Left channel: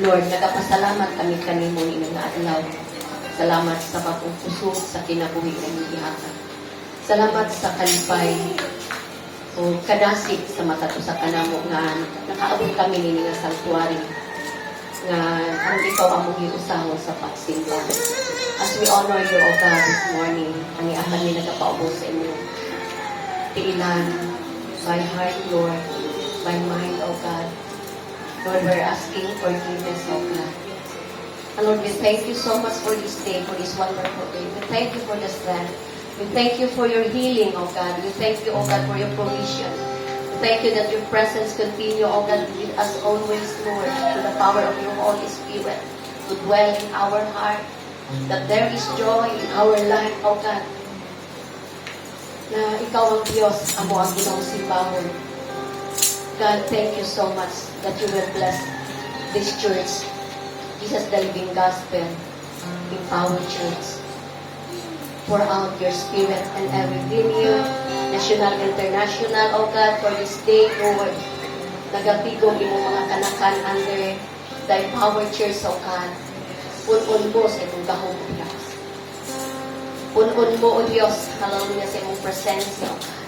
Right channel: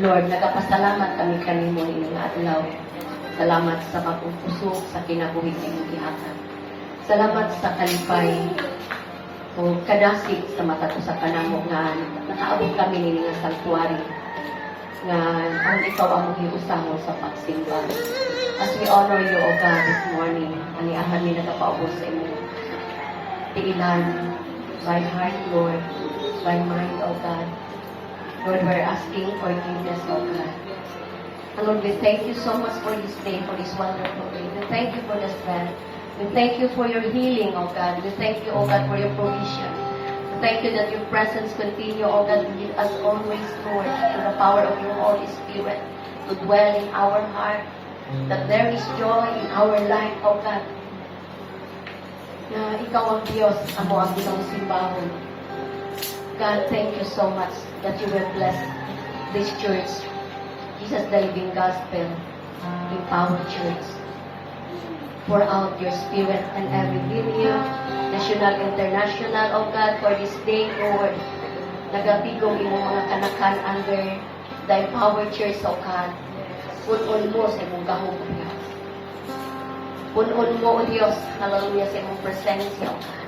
Lord, nagapasalamat kami kanimo ni nga adlaw. Salamat sa pagpupusok sa kinabuhi ng gihatan. Salamat sa kalipay o kadasig sa mata ko sa kanamo nga nakaabot kami nini nga sanctuary nga ang ikaw among giusahan sa pagsimba. As we honor you, O God, this morning, ang iahan ni nagapaubos sa imo tiilan, by heart, Lord, by mind, O God. Lord, we're asking forgiveness, O God. And Lord, we thank you so much for this day, for this wonderful day. We thank you for the strength. We thank you for your healing, O God. We thank you, O God, for your provision. We thank you that your presence continue, O God, with us always, Lord, through the power of your Holy Spirit to dwell in our heart, that there is joy in our life, O God. Na ikaw ang Diyos, amo ang ginang simbahon. God, thank you so much that you will bless this church, Jesus the Living Gospel, Empowered Church. Pour out your Spirit and every venue, national, international, O God, for this day, Lord. Nagapigong imong mga kanakan under the Empowered Church, O God. Punon mo sa imong bahong Diyos. Punon mo, O Diyos, hallelujah, sa imong presensya, O God.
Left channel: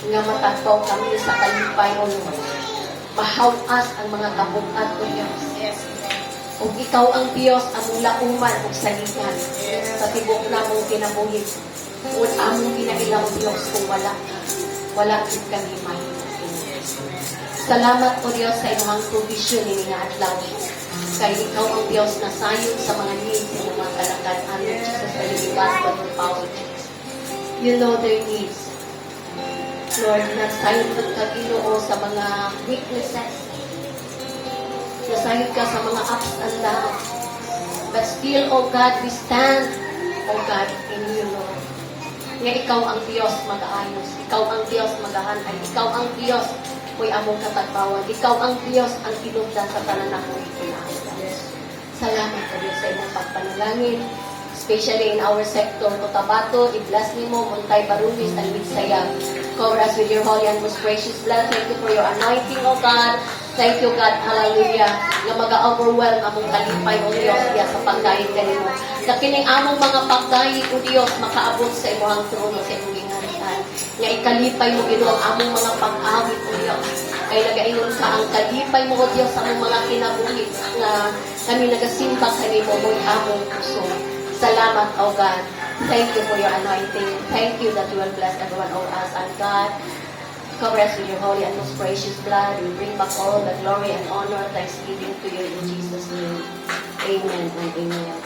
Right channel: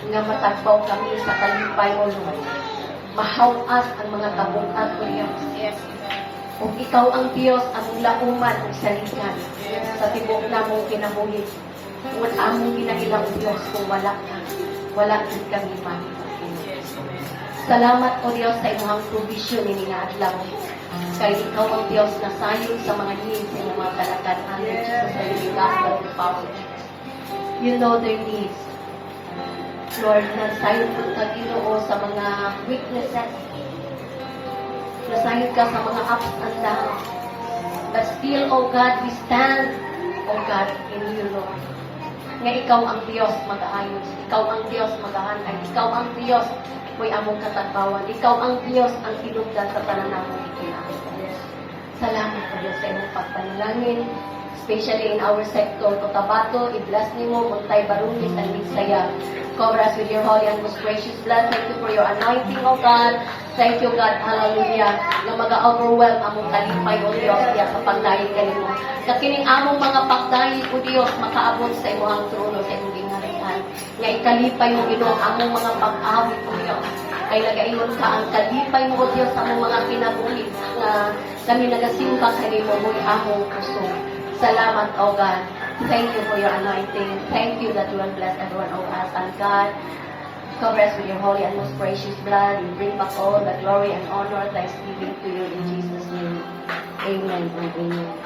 Nga matagpaw kami sa kalipay, O Lord. Mahawas ang mga kabukat, O Diyos. O ikaw ang Diyos, among lauman o salihan. Sa tibok na mong kinabuhi. O among ginailang Diyos kung wala ka. Wala din kami man. Salamat, O Diyos, sa imong provision ni nga adlaw. Kaya ikaw ang Diyos na sayon sa mga needs ng mga kalagat under Jesus the Living Gospel of the Power Church. You know their needs. Lord, nasayon po ka, Ginoo, sa mga weaknesses. Nasayon ka sa mga ups and downs. But still, O God, we stand, O God, in you, Lord. Nga ikaw ang Diyos mag-aayos. Ikaw ang Diyos mag-aantay. Ikaw ang Diyos ko'y among katagbawan. Ikaw ang Diyos ang tinugdan sa talanamong ito'y ayos. Salamat po Diyos sa imong pagpanalangin. Especially in our sector, Cotabato, i-bless nimo, Montay Barunis, and Midsaya. Cover us with your holy and most precious blood. Thank you for your anointing, O God. Thank you, God. Hallelujah. Na mag-overwhelm among kalipay, O Diyos, diya sa pagdahig kanimo. Sa kining among mga pagdahig, O Diyos, makaabot sa imong trono, sa imong gingharian. Nga ikalipay mo, Ginoo, ang among mga pag-awit, O Diyos. Kay nagaingon ka ang kalipay mo, O Diyos, sa among mga kinabuhi na kami nagasimba kanimo mo among puso. Salamat, O God. Thank you for your anointing. Thank you that you will bless everyone of us. And God, cover us with your holy and most precious blood. We bring back all the glory and honor, thanksgiving to you in Jesus' name. Amen and amen.